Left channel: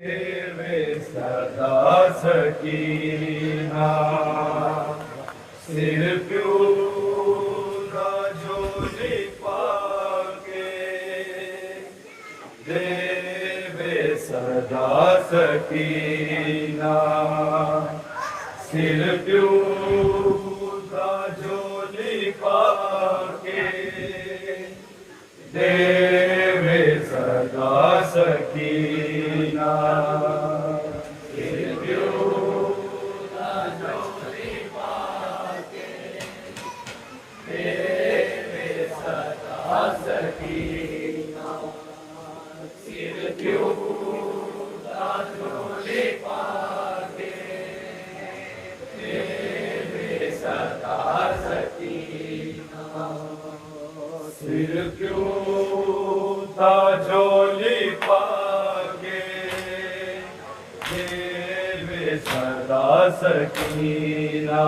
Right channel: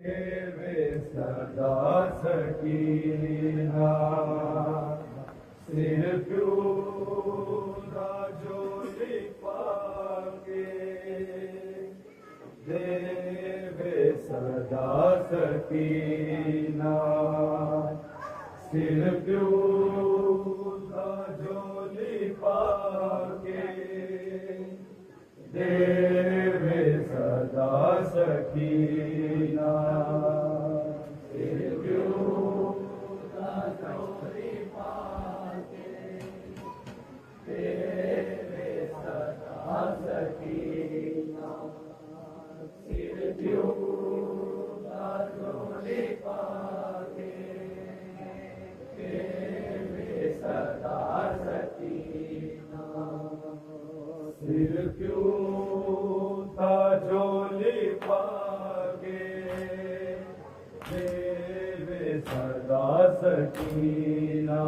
वे सदा सकीना सिर प्यूदा जोली पाके देवे सदा सकीना सिर प्यूदा जोली पाके देवे सदा सकीना सिर क्यों था झोली पाके देवे सदा सकीना सिर क्यों था झोली पाके देवे सदा सकीना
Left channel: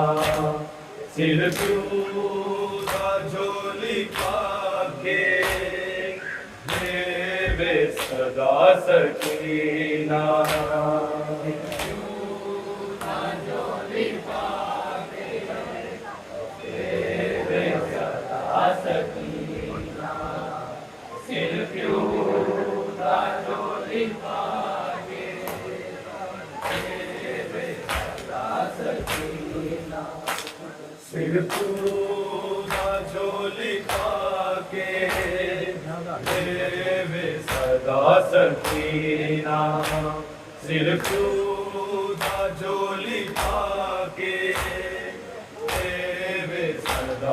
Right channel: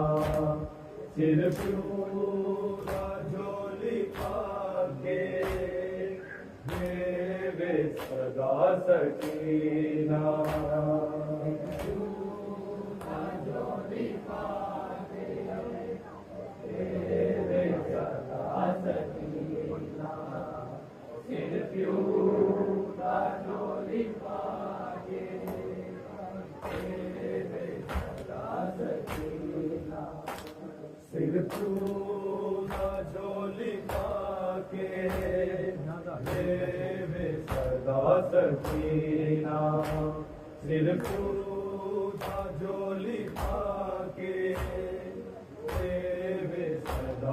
सिर पूरा झोली पाके देवे सदा सकीना सिर पूरा झोली पाके देवे सदा सकीना झोली पाके देवे सदा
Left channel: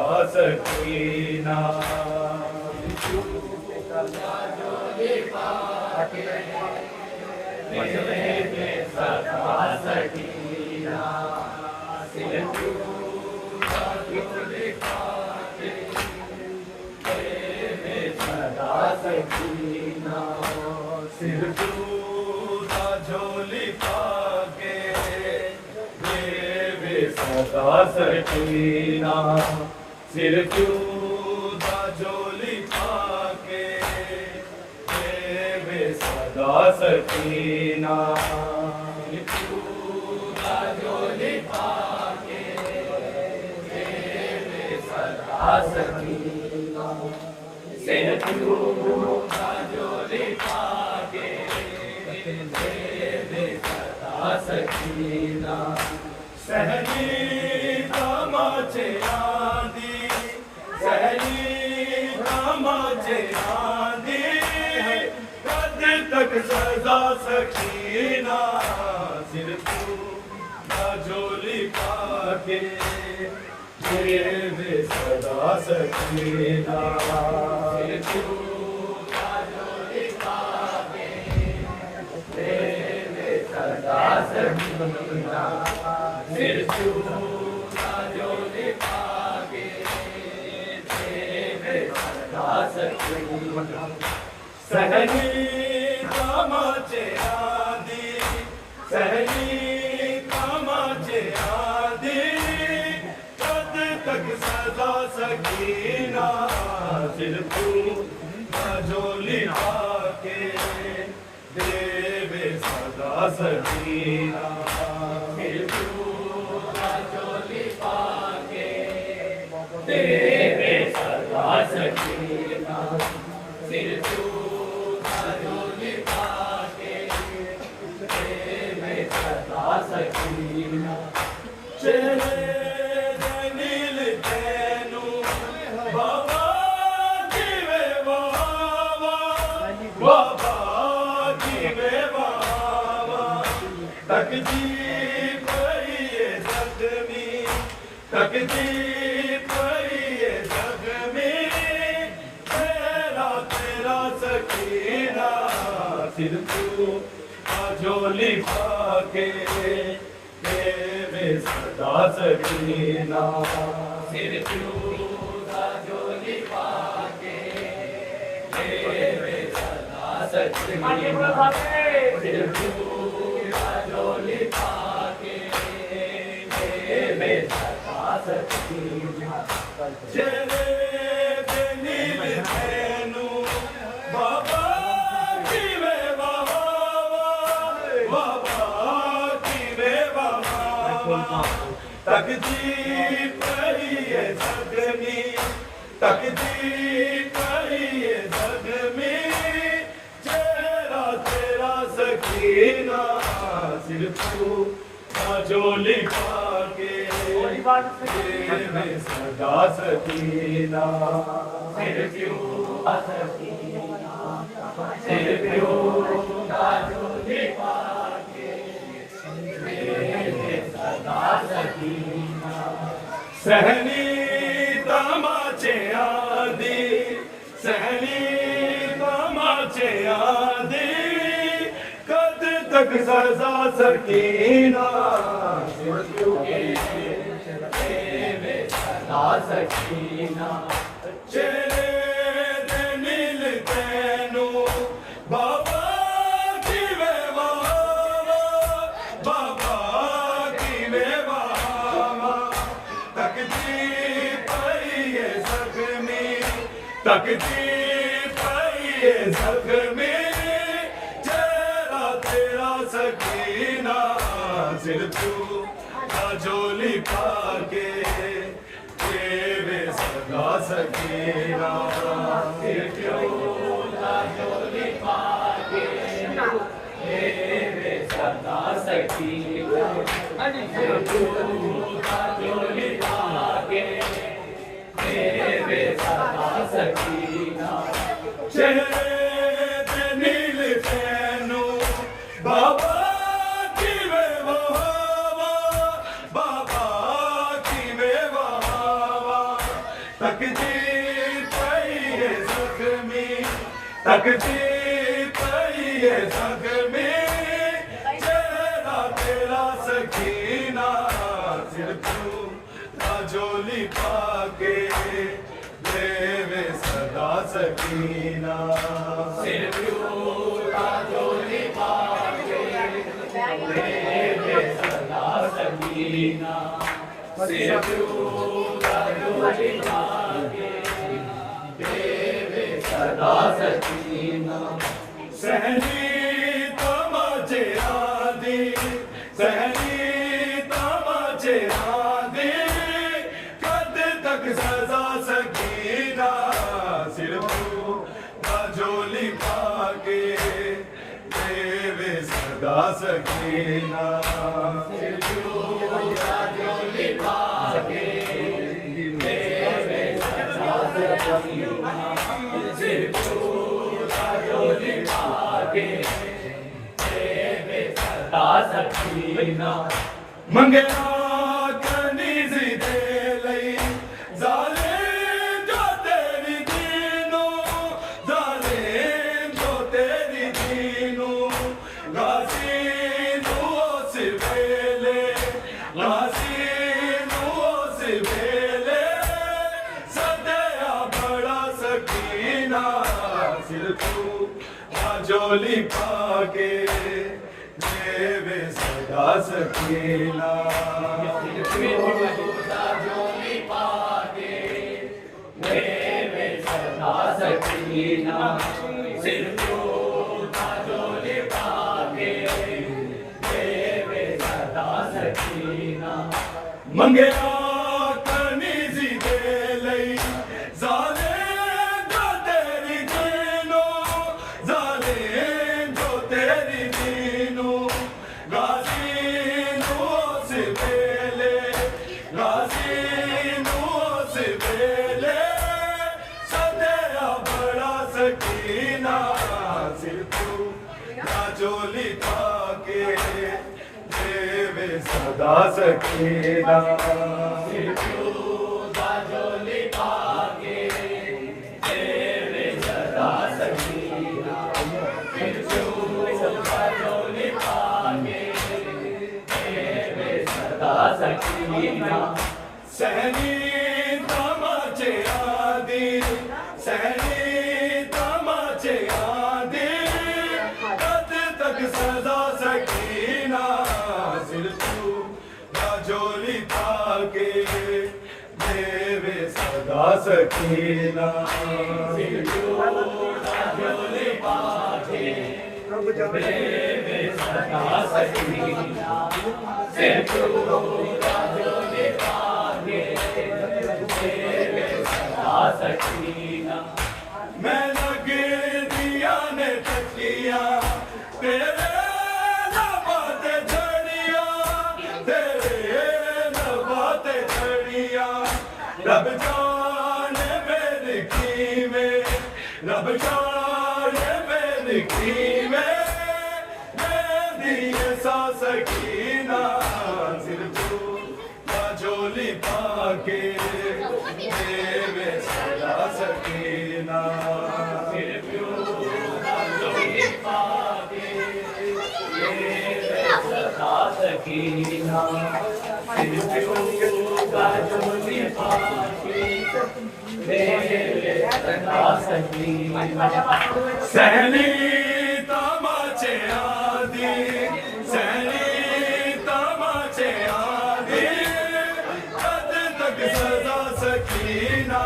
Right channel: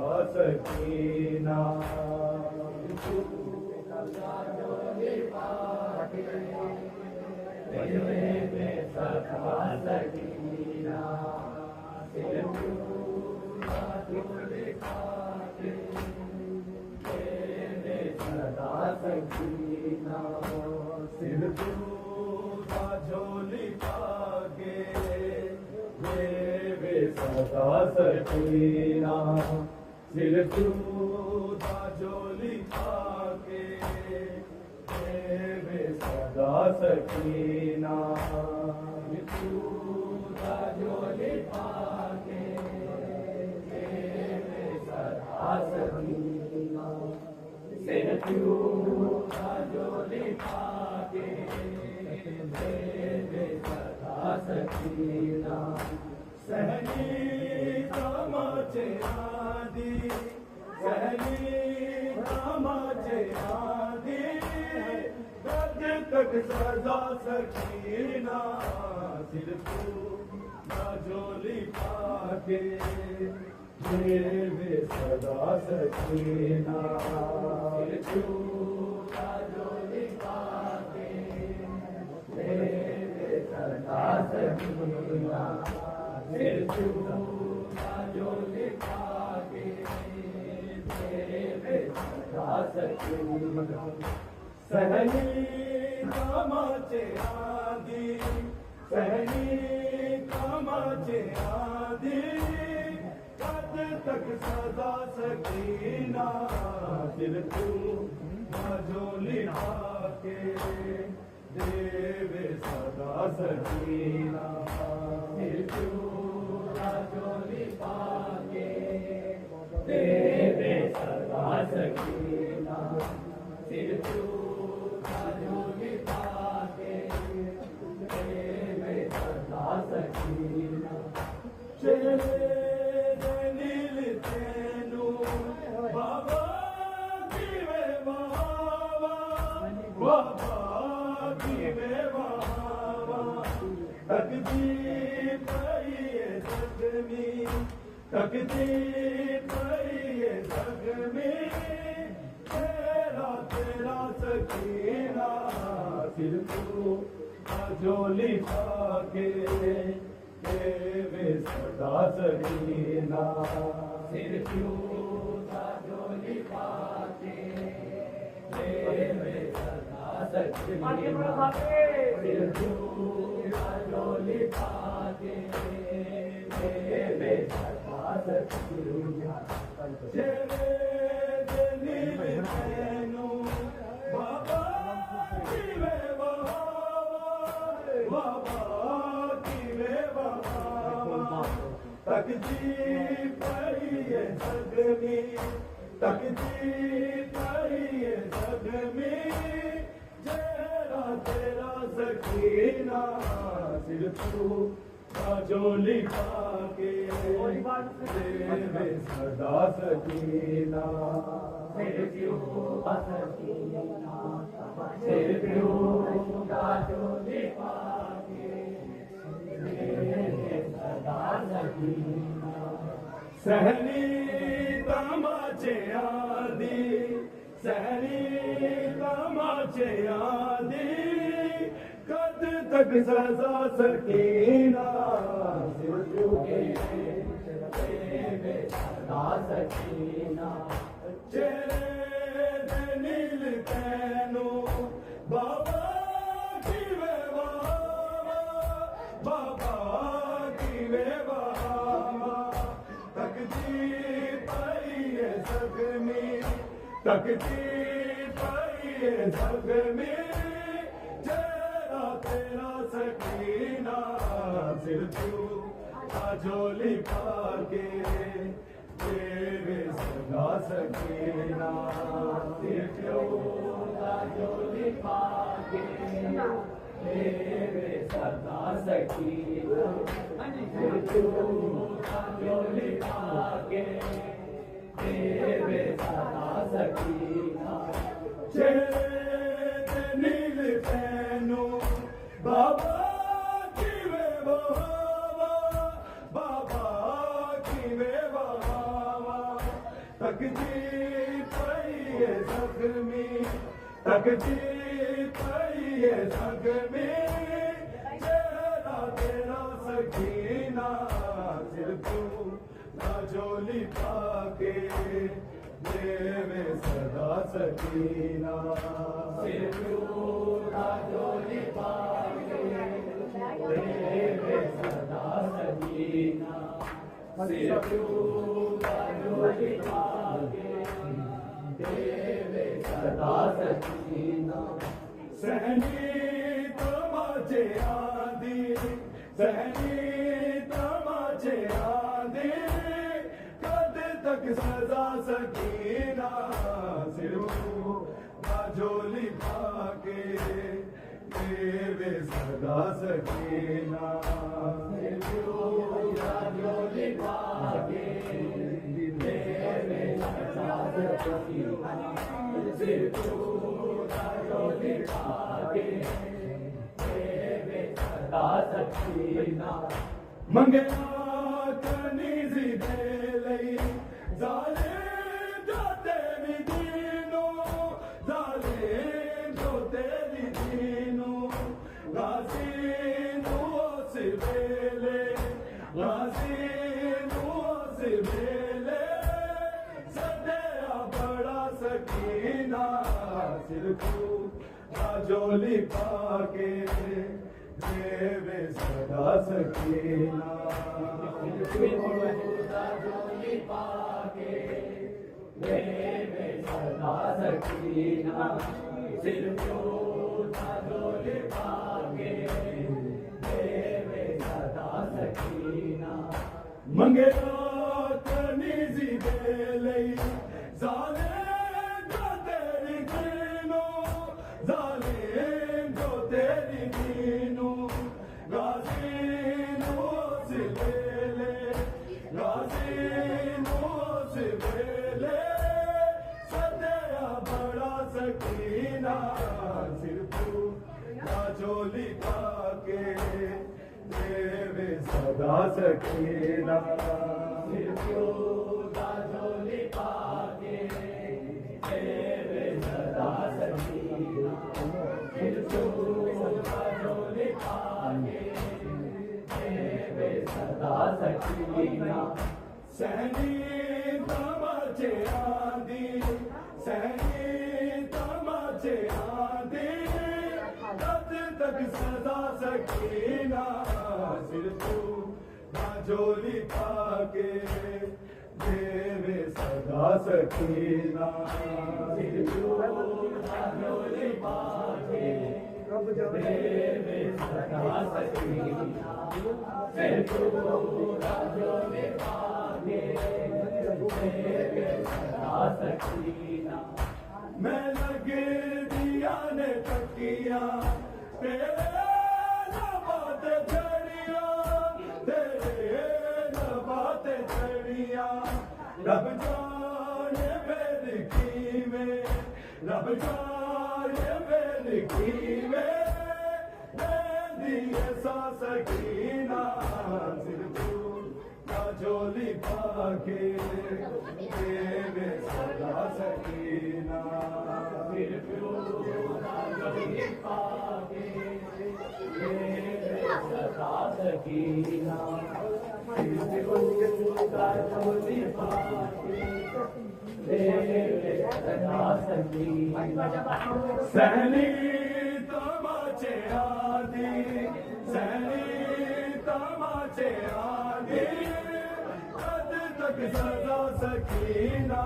सकीना सिर सकीना सिर पूरा झोली पाके देवे सदा सकीना सिर पूरा झोली पाके देवे सदा सकीना पूरा झोली पाके देवे सदा सकीना सिर पूरा झोली पाके देवे सदा सकीना सहनी तमाचे आंधी सहनी तमाचे आंधी कद तक सदा सकीना सिर पूरा झोली पाके देवे सदा सकीना सिर पूरा झोली पाके देवे सदा सकीना सिर पूरा झोली पाके देवे सदा सकीना सहनी तमाचे आंधी सहनी तमाचे आंधी तक सदा सकीना सिर पूरा झोली पाके देवे सदा सकीना सिर पूरा झोली पाके देवे सदा सकीना सिर पूरा झोली पाके देवे सदा सकीना तकदीर पई जख्मी तकदीर पई जख्मी तेरा तेरा सकीना सिर पूरा झोली पाके देवे सदा सकीना सिर पूरा झोली पाके देवे सदा सकीना सिर पूरा झोली पाके देवे सदा सकीना चले नील तेनू बाबा जीवे बाबा बाबा की वे बाबा तकदीर पड़ी है सगनी तकदीर पड़ी है सगनी चेहरा तेरा सकीना सिर्फ जोली पाके सदा सकीना सिर क्यों सकीना सिर क्यों जोली पाके सदा सकीना सहनी तमाचे आदि सहनी तमाचे आदि कद तक सजा सकीना सदा सकीना चेहरे नील तैनू बाबा की वे बाबा की वे तकदीर पई है सगमी तकदीर पई है सगमी चेहरा तेरा सकीना सिर तू जोली पाके तेरे सदा सकीना सिर जोली पाके तेरे सदा सकीना जोली पाके तेरे सदा सकीना चेहरे नील तैनू बाबा की वे बाबा की वे तकदीर पई है सगमी तकदीर पई है सगमी चेहरा तेरा सकीना सिर तू जोली पाके देवे सदा सकीना सिर तू जोली पाके देवे सदा सकीना सिर तू जोली पाके देवे सदा सकीना सहनी तमाचे आदि सहनी तमाचे आदि कद तक सजा सकीना सिर तू जोली पाके देवे सदा सकीना सिर तू जोली पाके देवे सदा सकीना सिर तू जोली पाके देवे सदा सकीना मंगया कनीज़ दे लई जालिम जो तेरी दीनो जालिम जो तेरी दीनो गाजी नूस वेले गाजी नूस वेले सदया बड़ा सकीना सिर तू जोली पाके देवे सदा सकीना जोली पाके देवे सदा सकीना सिर जोली पाके देवे सदा सकीना मंगया कनीज़ दे लई जालिम जो तेरी दीनो जालिम जो तेरी दीनो गाजी नूस वेले गाजी नूस वेले सदया बड़ा सकीना सिर तू जोली पाके देवे सदा सकीना सिर तू जोली पाके देवे सदा सकीना सिर तू जोली पाके देवे सदा सकीना सहनी तमाचे आदि सहनी तमाचे आदि कद तक सदा सकीना सिर तू जोली पाके देवे सदा सकीना सिर तू जोली पाके देवे सदा सकीना सिर पूरा झोली पाके देवे सदा सकीना मैं लगे दिया ने तकिया तेरे नबाते झड़िया तेरे नबाते झड़िया रब जाने मेरी की में रब जाने मेरी की में दिए सा सकीना सिर पूरा झोली पाके देवे सदा सकीना सिर पूरा झोली पाके देवे सदा सकीना सिर पूरा झोली पाके देवे सदा सकीना सहनी तमाचे आदि सहनी तमाचे आदि कद तक सदा सकीना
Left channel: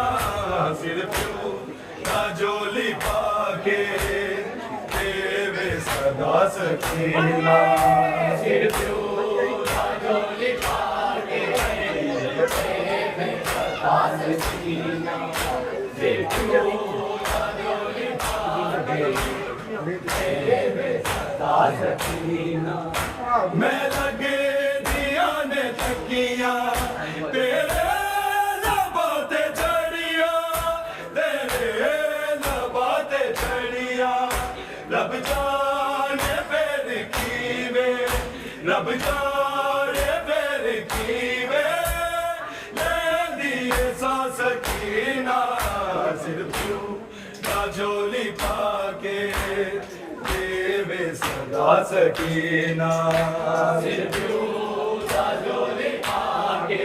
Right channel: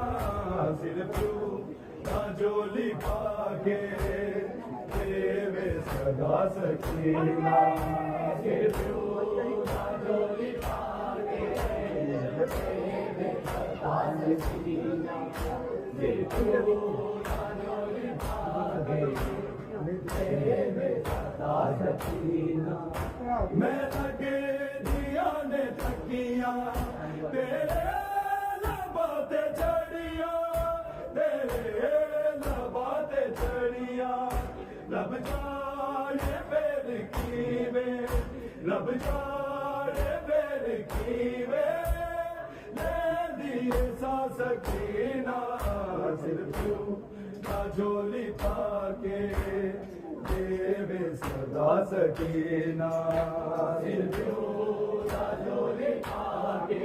सिर पूरा झोली पाके देवे सदा सकीना सिर पूरा झोली पाके देवे सदा सकीना सिर पूरा झोली पाके देवे सदा सकीना मैं लगे दिया ने तकिया तेरे नबाते झड़िया तेरे नबाते झड़िया रब जाने मेरी कीवे रब जाने मेरी कीवे ले दिए सा सकीना सिर पूरा झोली पाके देवे सदा सकीना सिर पूरा झोली पाके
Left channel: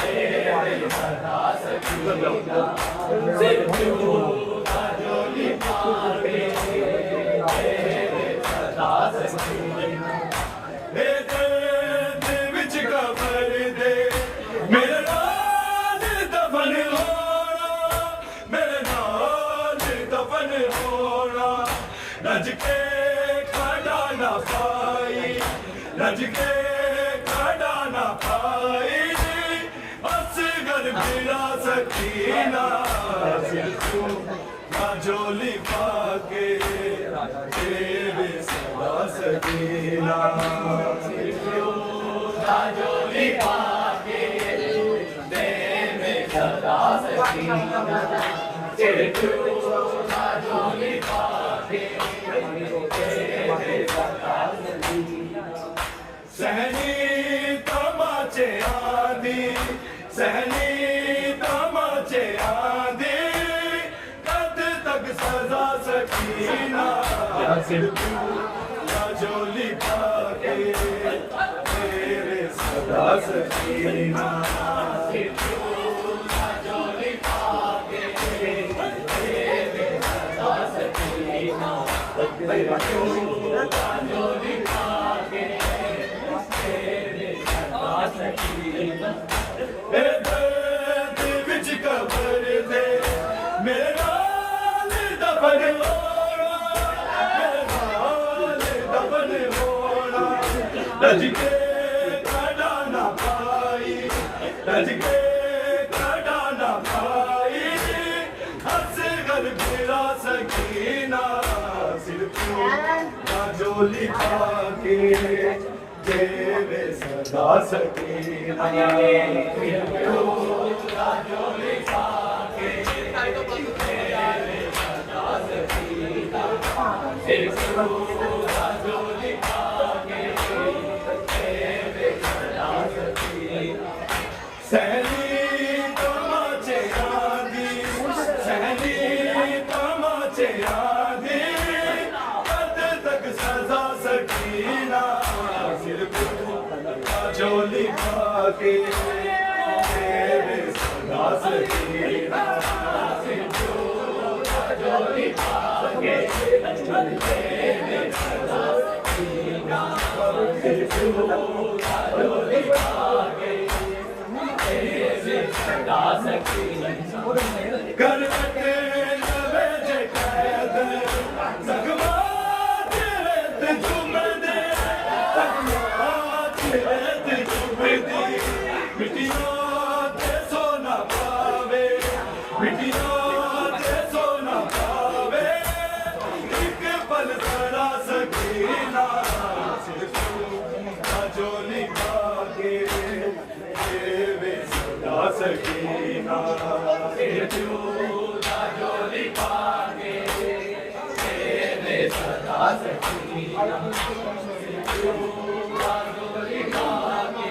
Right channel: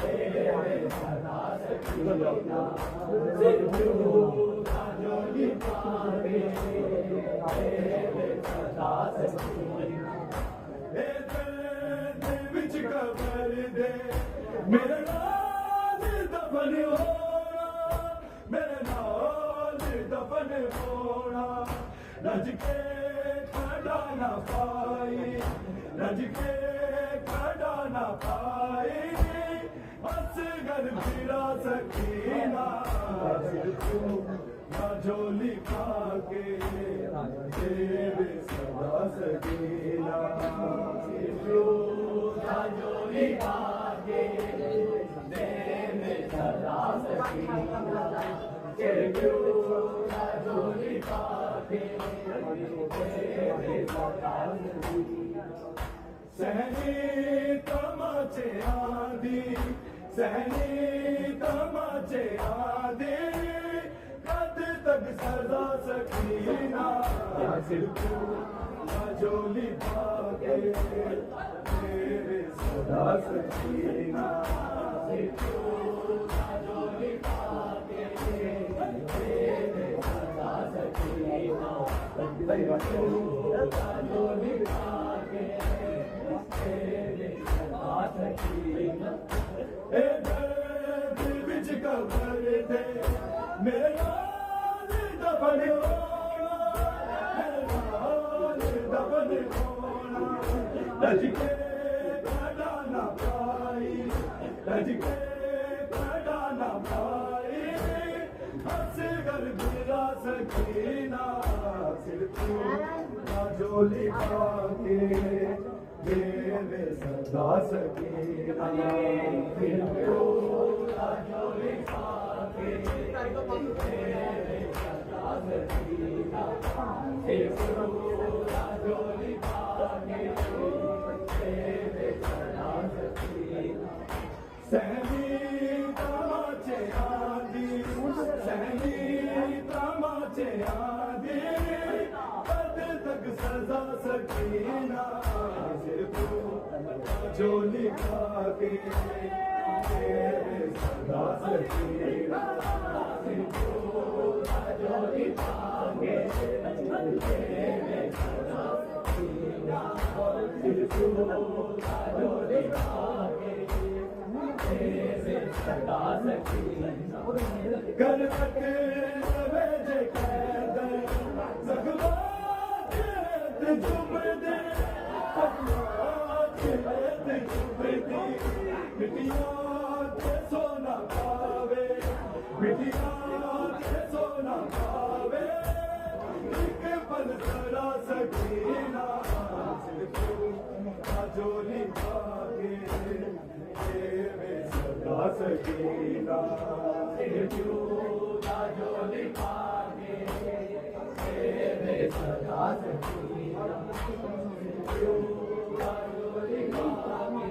देवे सदा सकीना सिर पूरा झोली पाके देवे सदा सकीना हे दर्द विच कबर दे मेरे नाल दफन होना मेरे नाल दफन होना रज के खड़ा ना पाई रज के खड़ा ना पाई असगर बिना सकीना सिर पूरा झोली पाके देवे सदा सकीना सिर पूरा झोली पाके देवे सदा सकीना सिर पूरा झोली पाके सहनी तमाचे आदि सहनी तमाचे आदि कद तक सजा सकीना सिर पूरा झोली पाके देवे सदा सकीना सिर पूरा झोली पाके देवे सदा सकीना झोली पाके देवे सदा सकीना दर्द विच कबर दे मेरे नाल दफन होना मेरे नाल दफन होना रज के खड़ा ना पाई रज के खड़ा ना पाई असगर बिना सकीना सिर पूरा झोली पाके देवे सदा सकीना सिर पूरा झोली पाके देवे सदा सकीना सिर पूरा झोली पाके देवे सदा सकीना सहनी तमाचे आदि सहनी तमाचे आदि कद तक सजा सकीना सिर पूरा झोली पाके देवे सदा सकीना सिर पूरा झोली पाके देवे सदा सकीना सिर पूरा झोली पाके देवे सदा सकीना करवटे नवे जे कैद जगमा सकीना जोली पाके तेरे सदा सकीना जोली पाके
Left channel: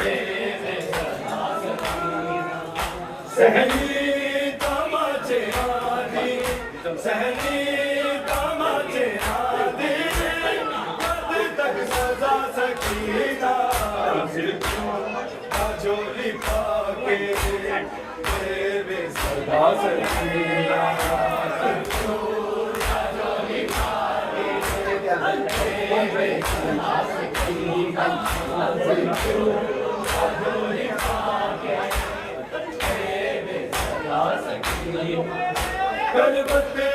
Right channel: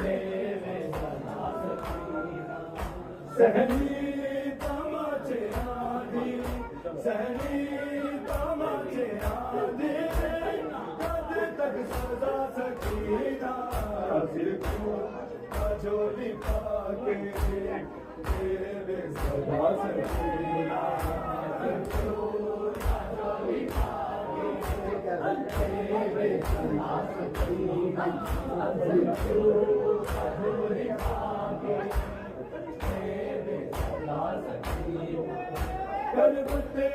तेरे सदा सकीना सहनी तमाचे आदि सहनी तमाचे आदि कब तक सजा सकीना जोली पाके तेरे सदा सकीना जोली पाके तेरे सदा सकीना जोली पाके तेरे सदा सकीना गलबते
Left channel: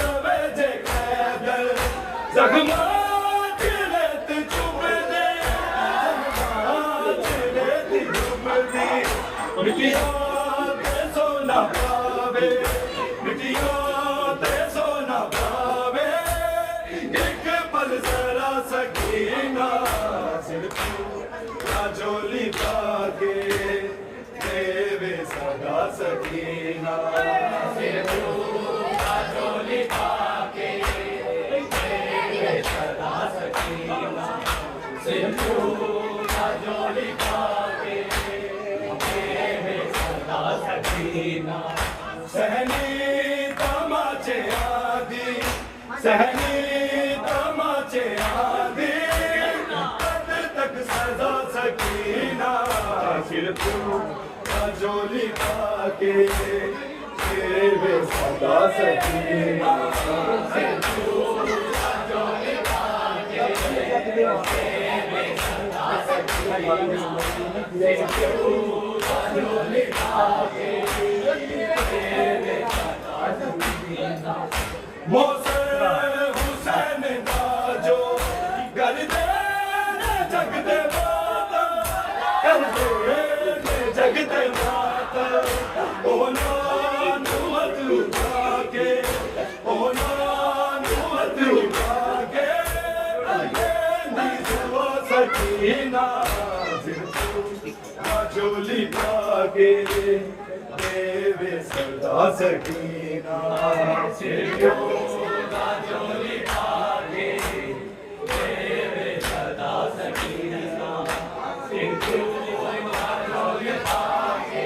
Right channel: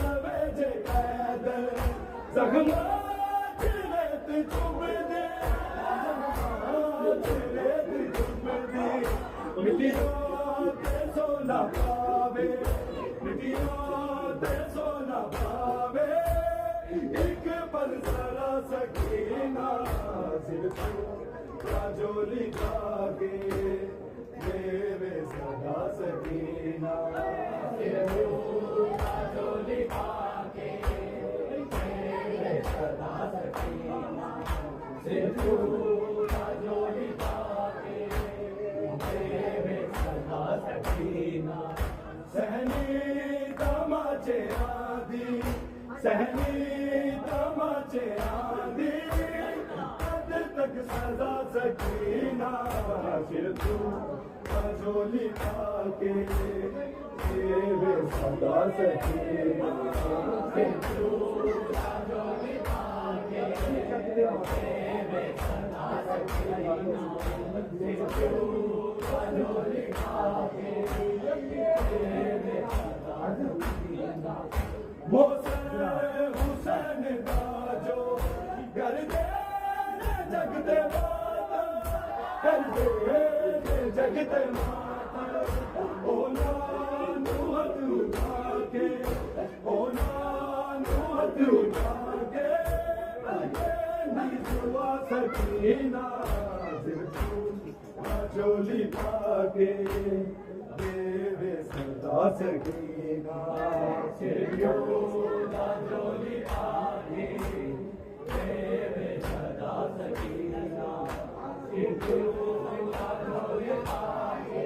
नवे जे कैदल जख्मा चिलत चुभ दे मिटिया ते सोना पावे मिटिया ते सोना पावे एक पल जरा सकीना सिर्फ जोली पाके तेरे सदा सकीना सिर्फ जोली पाके तेरे सदा सकीना सिर्फ जोली पाके सकीना सहनी तमाचे आदि सहनी तमाचे आदि कब तक सजा सकीना सिर्फ जोली पाके तेरे सदा सकीना सिर्फ जोली पाके तेरे सदा सकीना जोली पाके तेरे सदा सकीना मौसे हुसैन बाजो कर दे जगते माता कर दे जगते माता ओ नानुमत उठाके ओ नानुमत उठाके नी दुआ सकीना जोली पाके तेरे सदा सकीना जोली पाके तेरे सदा सकीना जोली पाके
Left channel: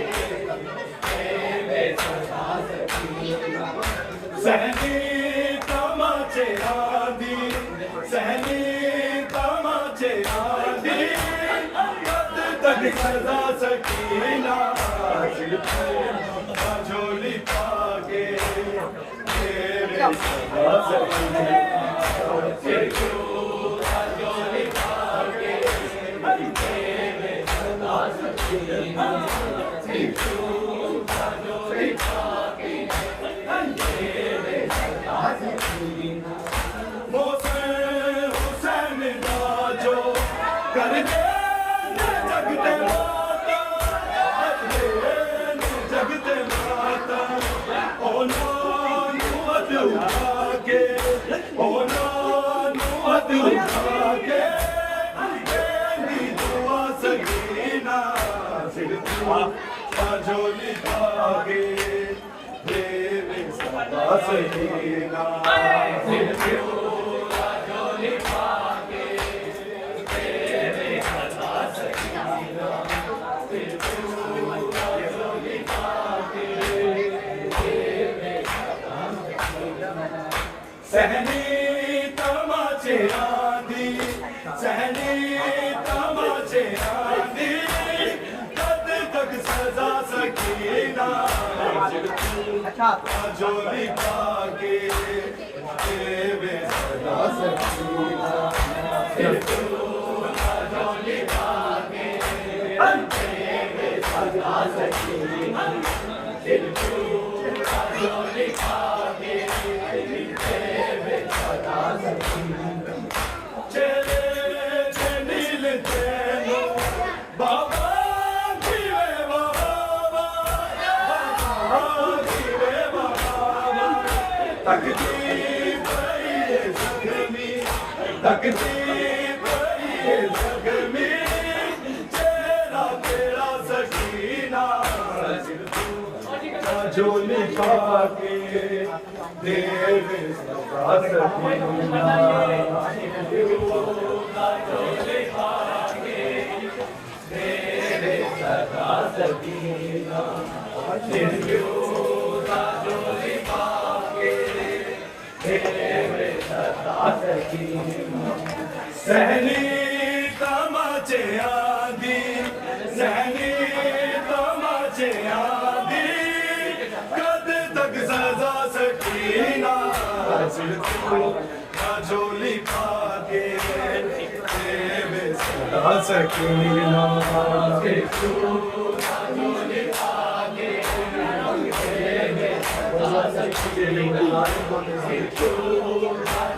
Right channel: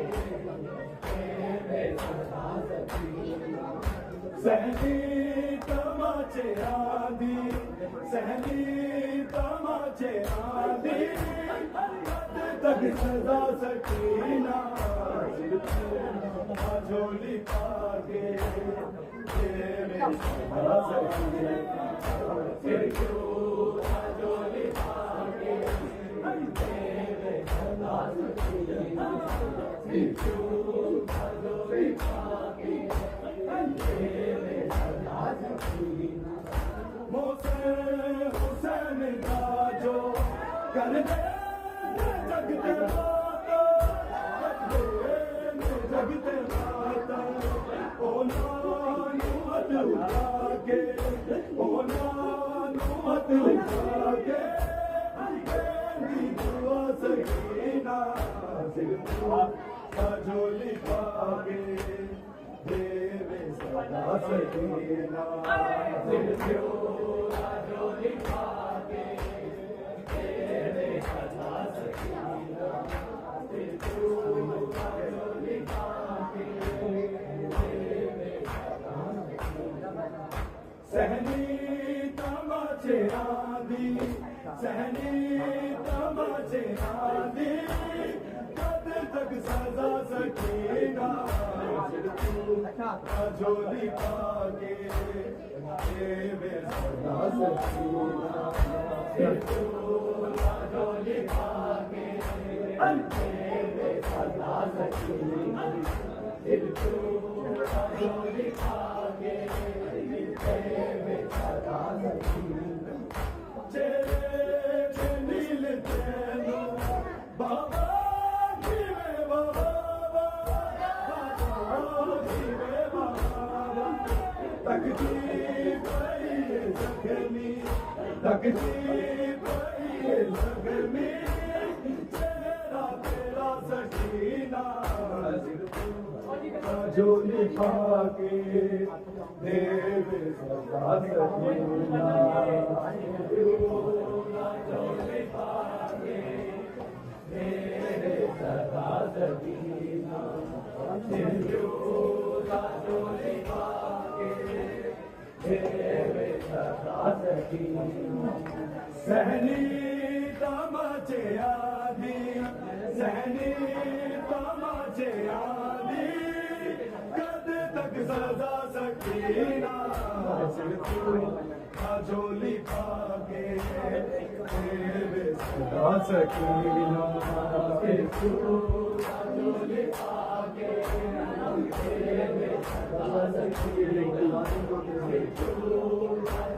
तेरे सदा सकीना सहनी तमाचे आदि सहनी तमाचे आदि तक सजा सकीना जोली पाके तेरे सदा सकीना जोली पाके तेरे सदा सकीना जोली पाके तेरे सदा सकीना मौसे हुसैन बाजो कर दे जगते माता जगते माता ओ नानुमत उठाके ओ नानुमत उठाके नी दुआ सकीना सिर्फ जोली पाके तेरे सदा सकीना सिर्फ जोली पाके तेरे सदा सकीना सिर्फ जोली पाके तेरे सदा सकीना सहनी तमाचे आदि सहनी तमाचे आदि कब तक सजा सकीना जोली पाके तेरे सदा सकीना जोली पाके तेरे सदा सकीना जोली पाके तेरे सदा सकीना चले नील चैनो बाबा जीवे बाबा जीवे बाबा तकदीर जख्मी तकदीर जख्मी चेहरा तेरा सकीना झोली पाके देवे सदा सकीना झोली पाके देवे सदा सकीना झोली पाके देवे सदा सकीना सहनी तमाचे आदि सहनी तमाचे आदि कद तक सजा सकीना झोली पाके देवे सदा सकीना झोली पाके देवे सदा सकीना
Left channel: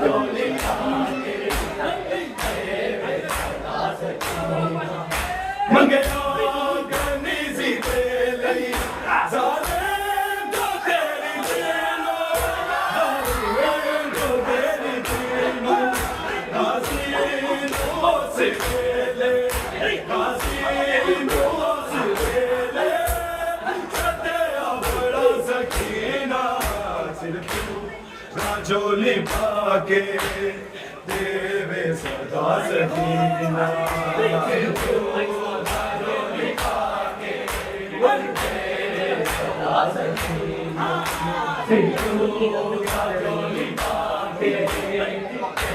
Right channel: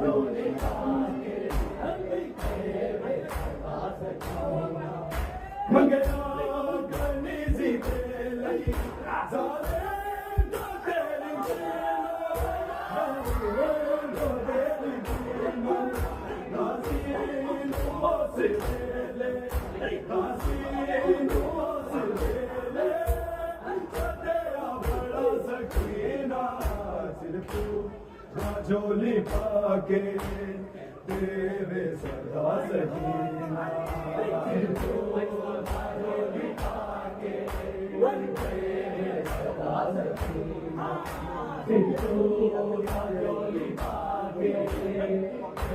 झोली पाके मंगना गनी सी तेली जालेम तो तेरी देनो जालेम तो तेरी देनो नाज़ीन तो से तेले नाज़ीन तो से तेले चते बड़ा सकीना सिर्फ झोली पाके देवे सदा सकीना झोली पाके देवे सदा सकीना झोली पाके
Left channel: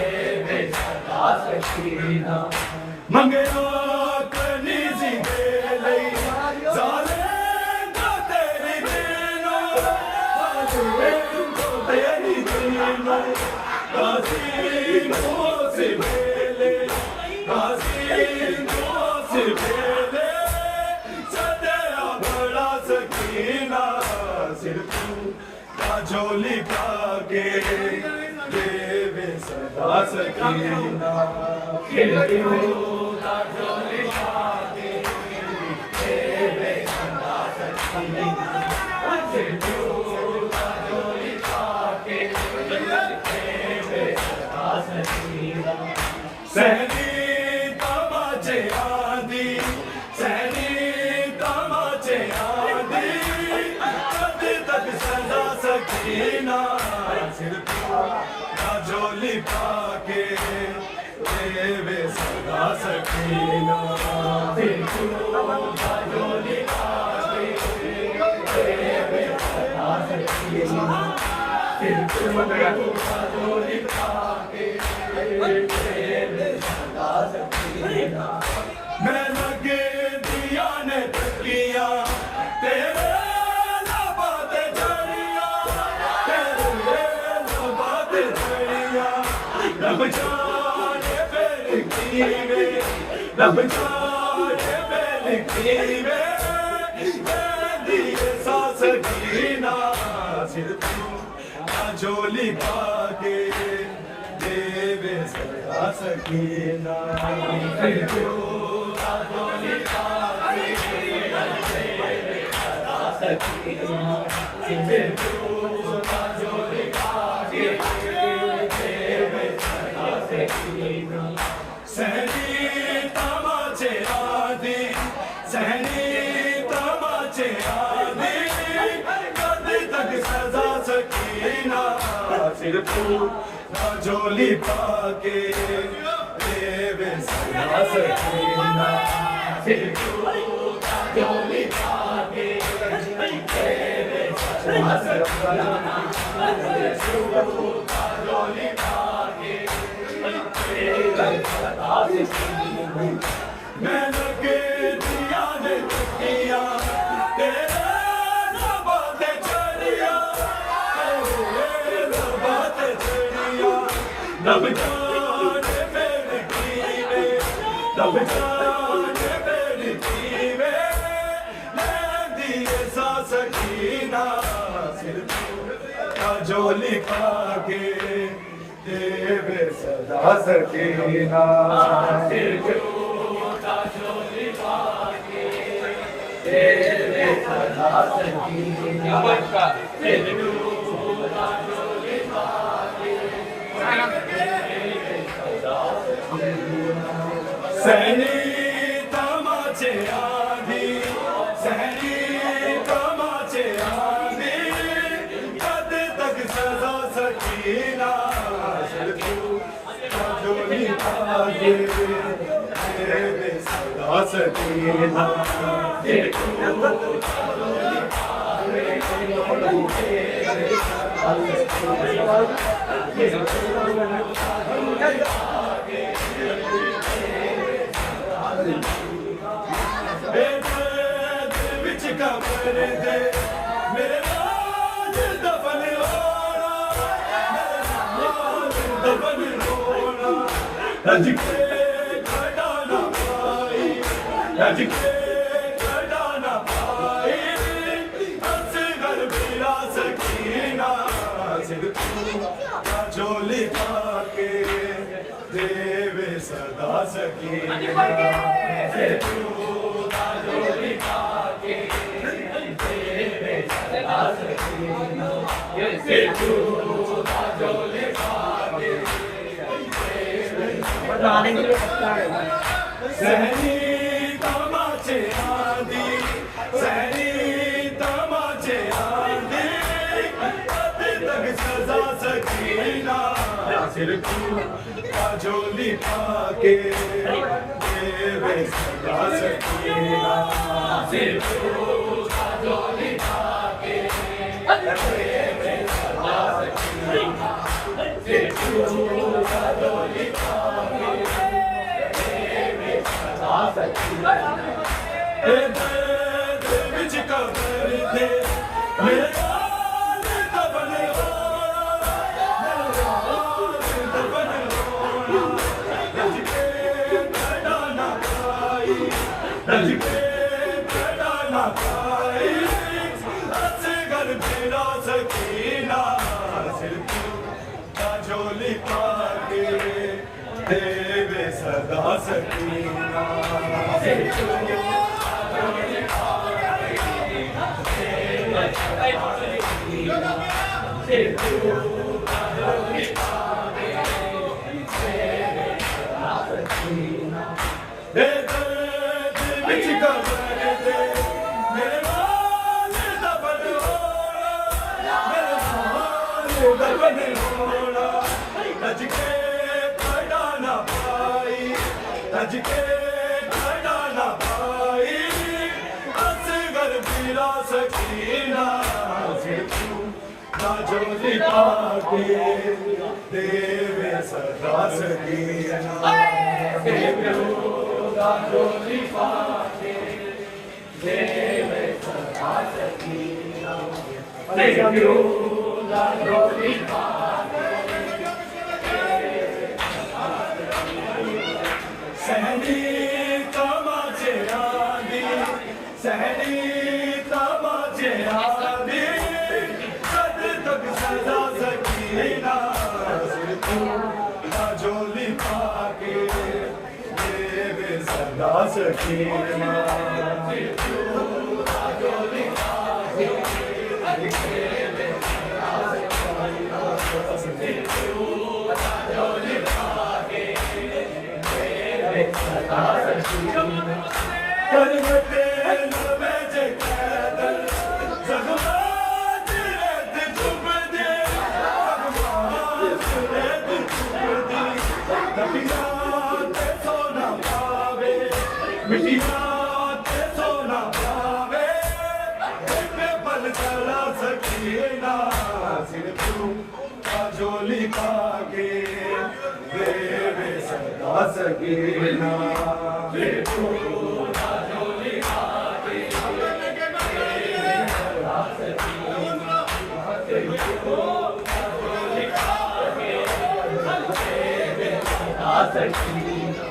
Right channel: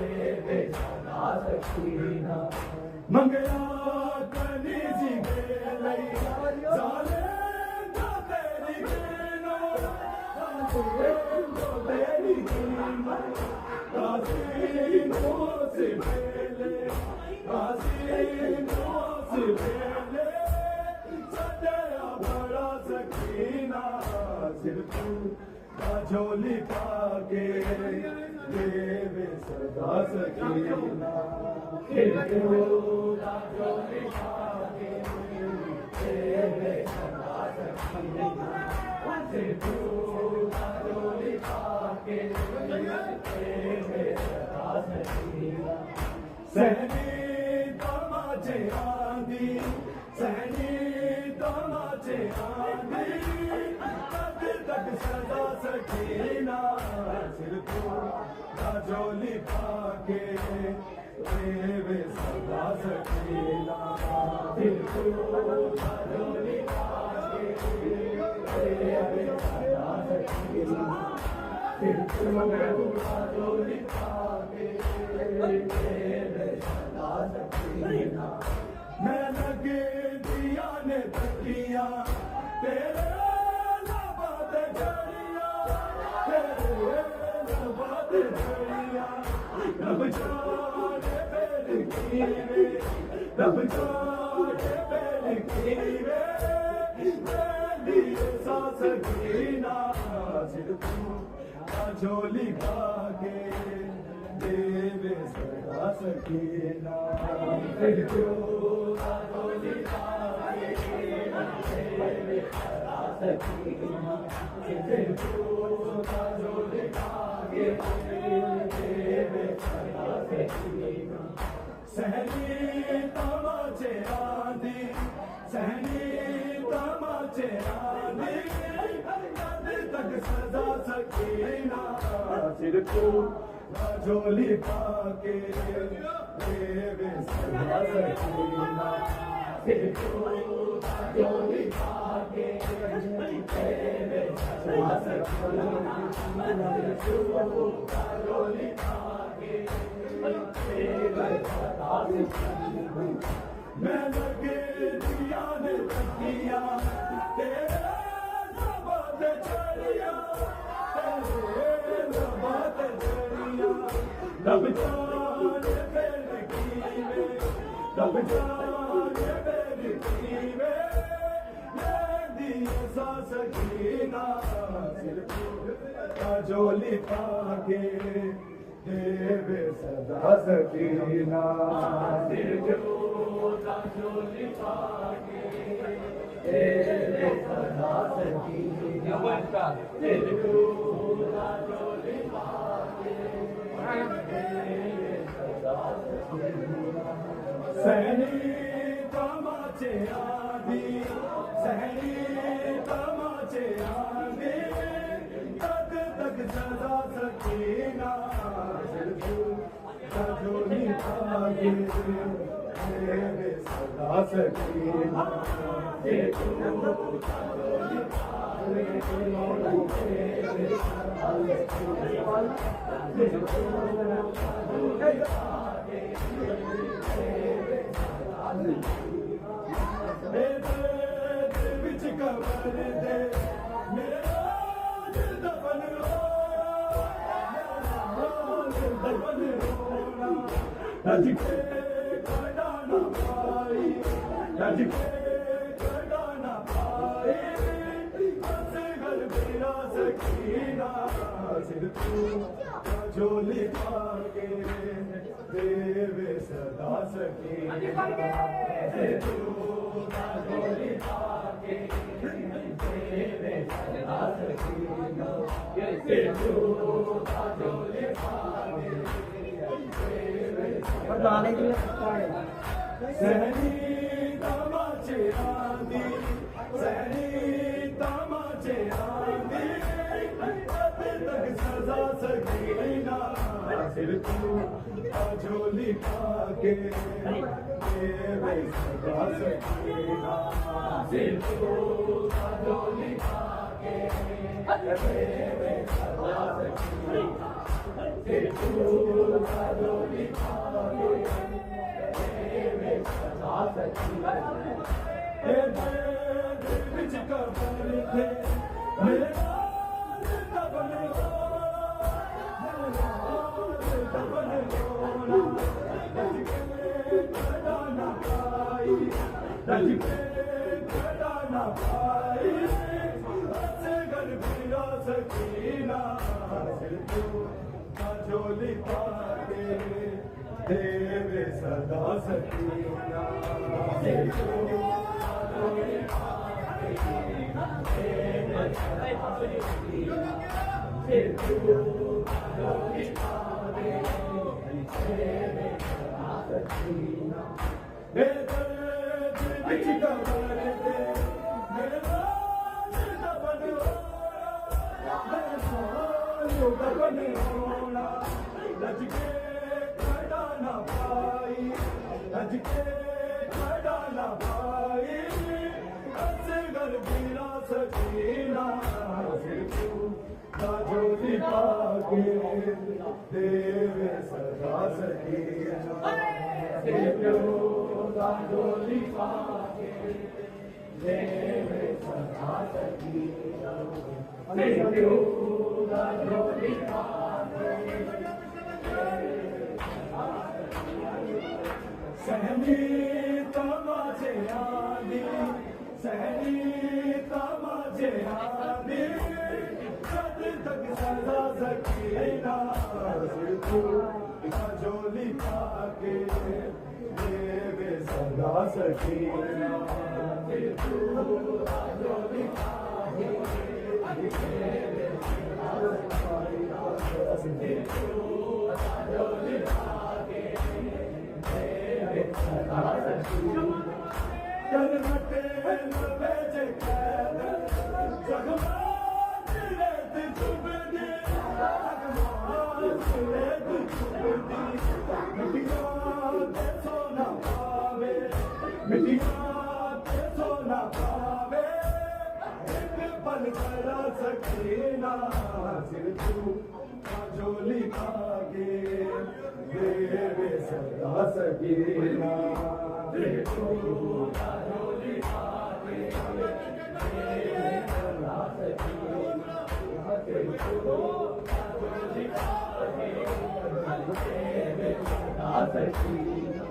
देवे सदा सकीना मंगना कनी सी गेले जालेम तो तेरी देनो जालेम तो तेरी देनो नाज़ीन तो से पहले नाज़ीन तो से पहले सदैव बड़ा सकीना सिर्फ झोली पाके देवे सदा सकीना झोली पाके देवे सदा सकीना झोली पाके सहनी तमाचे आदि सहनी तमाचे आदि कद तक सजा सकीना सिर्फ झोली पाके देवे सदा सकीना झोली पाके देवे सदा सकीना झोली पाके देवे सदा सकीना मैं लगे दिया ने तकिया तेरे लबाते झड़िया तेरे लबाते झड़िया रब जाने बेल कीवे रब जाने बेल कीवे दिए सा सकीना सिर्फ झोली पाके देवे सदा सकीना झोली पाके देवे सदा सकीना झोली पाके देवे सदा सकीना सहनी तमाचे आदि सहनी तमाचे आदि कद तक सजा सकीना सिर्फ झोली पाके देवे सदा सकीना झोली पाके देवे सदा सकीना झोली पाके देवे सदा सकीना मैं लगे दिया ने तकिया तेरे लबाते झड़िया तेरे लबाते झड़िया रब जाने बेल कीवे रब जाने बेल कीवे मैं दिए सा सकीना सिर्फ झोली पाके देवे सदा सकीना झोली पाके देवे सदा सकीना झोली पाके सहनी तमाचे आदि सहनी तमाचे आदि पाके देवे सदा सकीना विच कबर दे मेरे नाल दफन होना रज के खड़ा ना पाई रज के खड़ा ना पाई असगर बिला सकीना सिर झोली पाके देवे सदा सकीना झोली पाके देवे सदा सकीना झोली पाके बताने के लिए सहनी तमाचे आंधी सहनी तमाचे आंधी अभी तक सजा सकीना सिर झोली पाके देवे सजा सकीना सिर झोली पाके देवे सजा सकीना सिर झोली पाके देवे सजा सकीना दर्द विच कबर दे मेरे नाल दफन रज के खड़ा ना पाई रज के खड़ा ना पाई असगर बिला सकीना सिर झोली पाके देवे सदा सकीना सिर झोली पाके देवे सदा सकीना सिर झोली पाके देवे सदा सकीना दर्द विच कबर दे मेरे नाल दफन होना मेरे नाल दफन होना रज के खड़ा ना पाई रज के खड़ा ना पाई असगर बिला सकीना सिर झोली पाके देवे सदा सकीना झोली पाके देवे सदा सकीना झोली पाके सहनी तमाचे आंधी सहनी तमाचे आंधी कद तक सजा सकीना सिर झोली पाके देवे सदा सकीना झोली पाके देवे झोली पाके करवटे लबे जे कैदर जगमात रेत चुभ दे जगमात रेत चुभ दे मिटिया ते सोना पावे मिटिया ते सोना पावे में बल करा सकीना सिर झोली पाके देवे सदा सकीना सिर झोली पाके देवे सदा सकीना सिर झोली पाके देवे सदा सकीना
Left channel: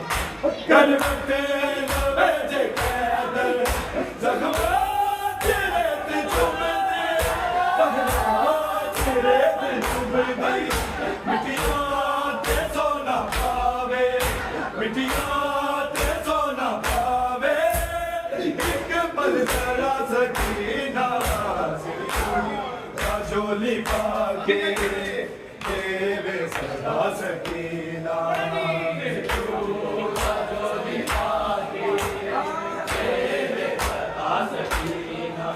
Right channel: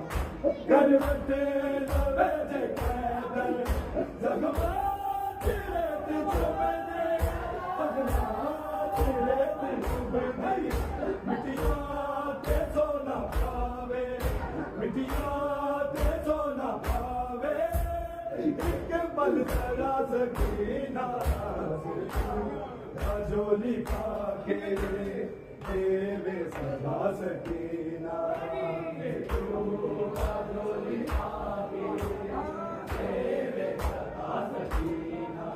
करवटे लबे जे कैदर जगमात रेत चुभ दे जगमात रेत चुभ दे मिटिया ते सोना पावे मिटिया ते सोना पावे एक पल जरा सकीना सिर झोली पाके देवे सदा सकीना झोली पाके देवे सदा सकीना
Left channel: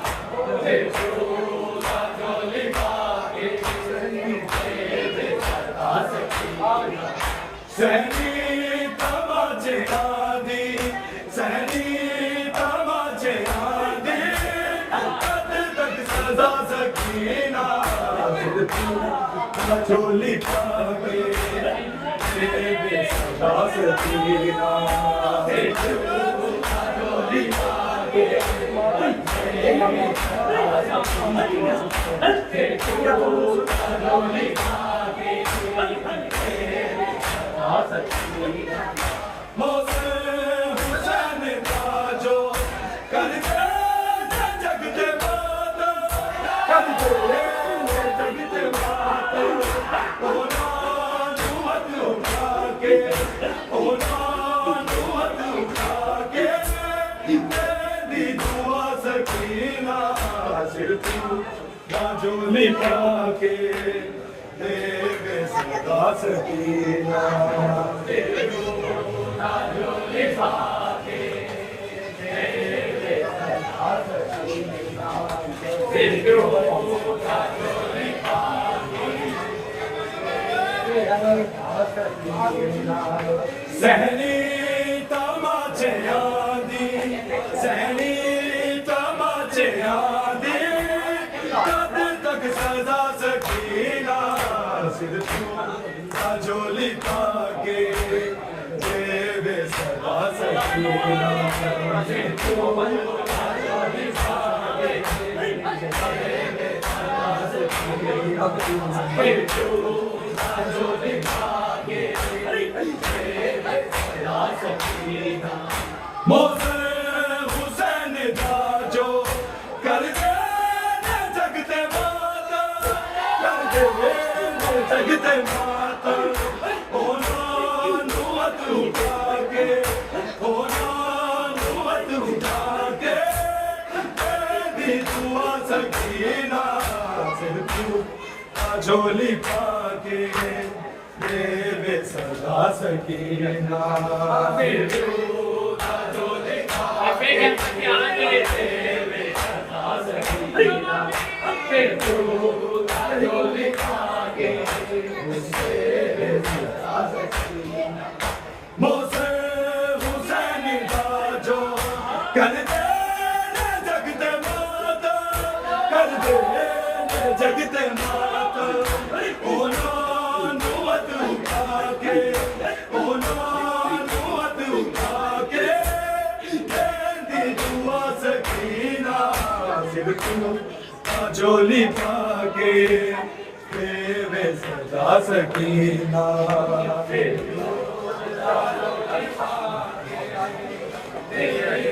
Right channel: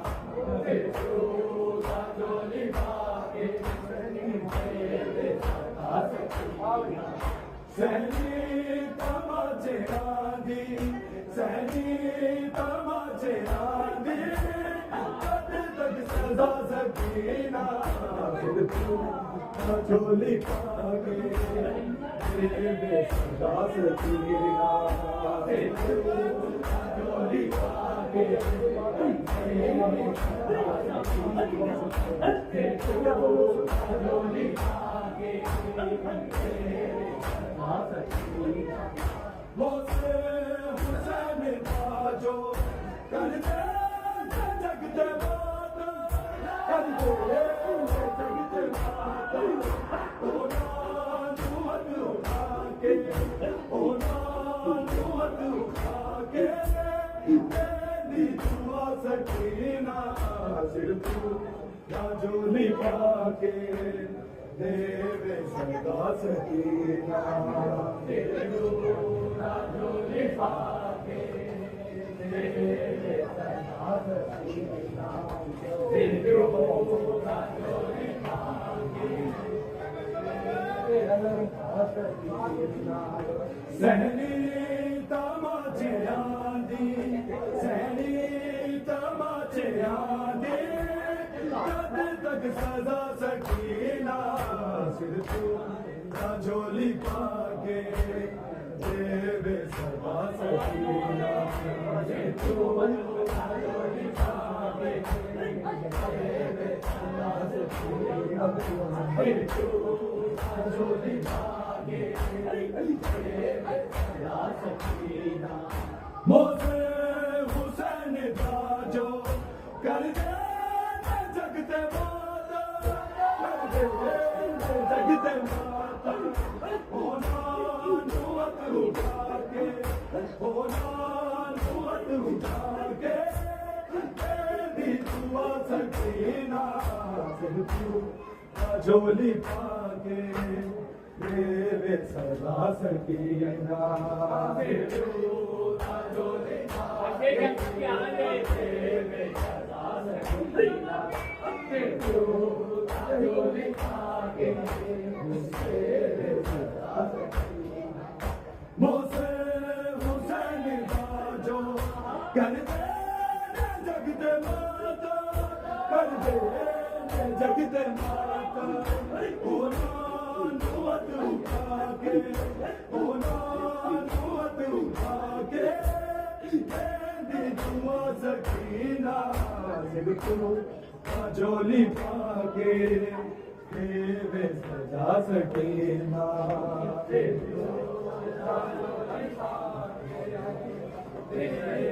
झोली पाके देवे सदा सकीना सहनी तमाचे आदि सहनी तमाचे आदि कद तक सजा सकीना चोली पाके तेरे सजा सकीना चोली पाके मोसे हुसैन बाजो करते जगते बात करते जगते बात ओना नुहत उठा के ओना नुहत उठा के तेरी दुआ सकीना सिर तू बाजोली पाके देवे सदा सकीना बाजोली पाके देवे सदा सकीना बाजोली पाके सहनी तमाचे आदि सहनी तमाचे आदि कद तक सजा सकीना सिर तू बाजोली पाके देवे सदा सकीना सिर तू बाजोली पाके देवे सदा सकीना सिर तू बाजोली पाके देवे सदा सकीना मोसे हुसैन बाजो करते जगते माता करते जगते माता ओना नुहत उठा के ओना नुहत उठा के तेरी दुआ सकीना सिर तू बाजोली पाके देवे सदा सकीना सिर तू बाजोली पाके देवे सदा सकीना सिर तू बाजोली पाके देवे सदा सकीना मोसे हुसैन बाजो करते जगते माता करते जगते माता ओना नुहत उठा के ओना नुहत उठा के तेरी दुआ सकीना सिर तू बाजोली पाके देवे सदा सकीना सिर तू बाजोली पाके देवे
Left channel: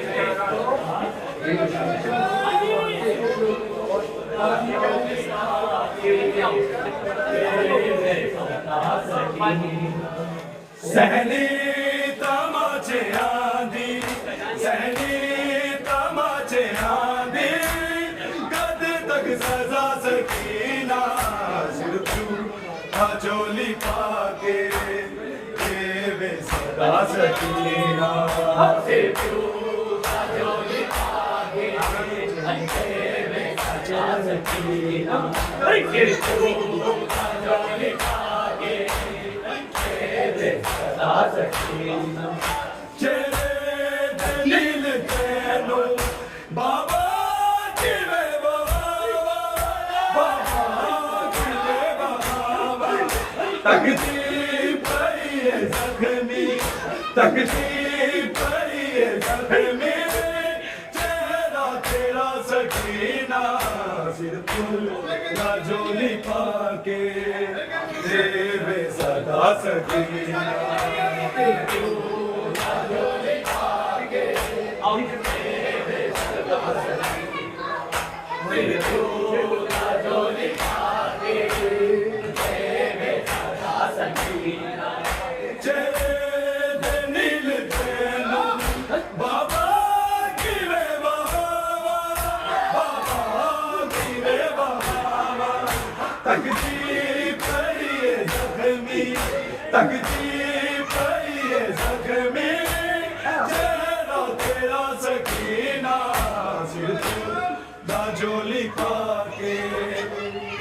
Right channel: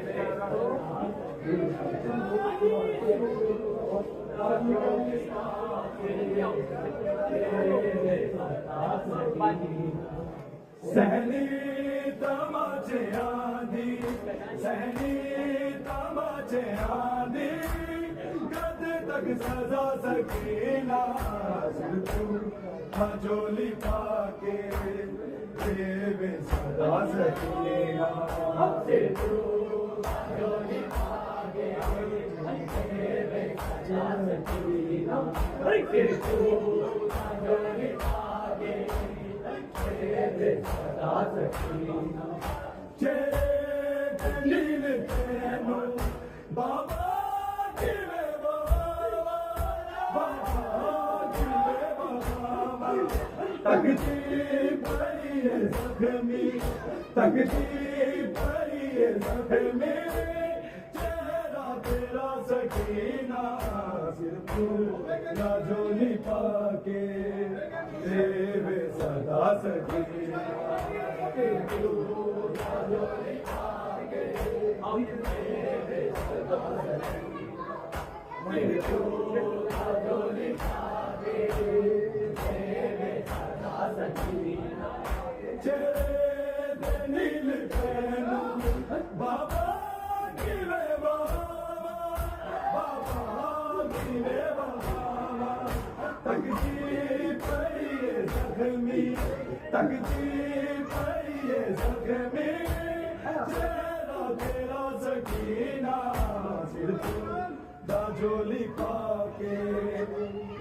सहनी तमाचे आदि सहनी तमाचे आदि कद तक सजा सकीना सिर तू बाजोली पाके देवे सदा सकीना सिर तू बाजोली पाके देवे सदा सकीना सिर तू बाजोली पाके देवे सदा सकीना चेरे दलील तेनो बाबा जिवे बाबा बाबा जिवे बाबा तकती पई जख्मी तकती पई जख्मी चेहरा तेरा सकीना सिर तू बाजोली पाके देवे सदा सकीना सिर तू बाजोली पाके देवे सदा सकीना सिर तू बाजोली पाके देवे सदा सकीना चेरे नील तेनो बाबा गिरे बाबा बाबा गिरे बाबा तकती पई जख्मी तकती पई जख्मी चेहरा तेरा सकीना सिर तू बाजोली पाके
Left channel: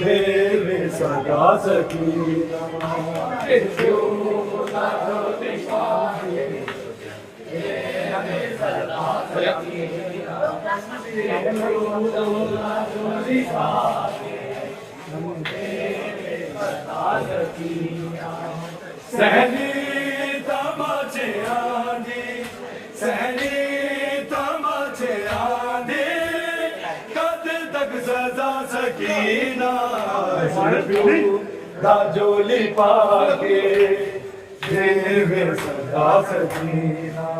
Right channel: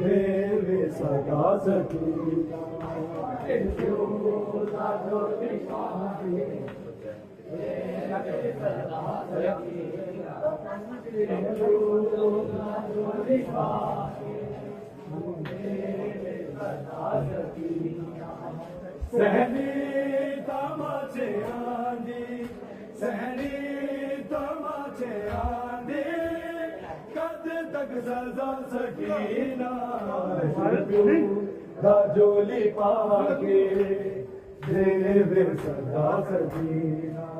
देवे सदा सकीना सिर तू बाजोली पाके सहनी तमाचे आंधी सहनी तमाचे आंधी कद तक सजा सकीना राजोली पाके देवे सदा सकीना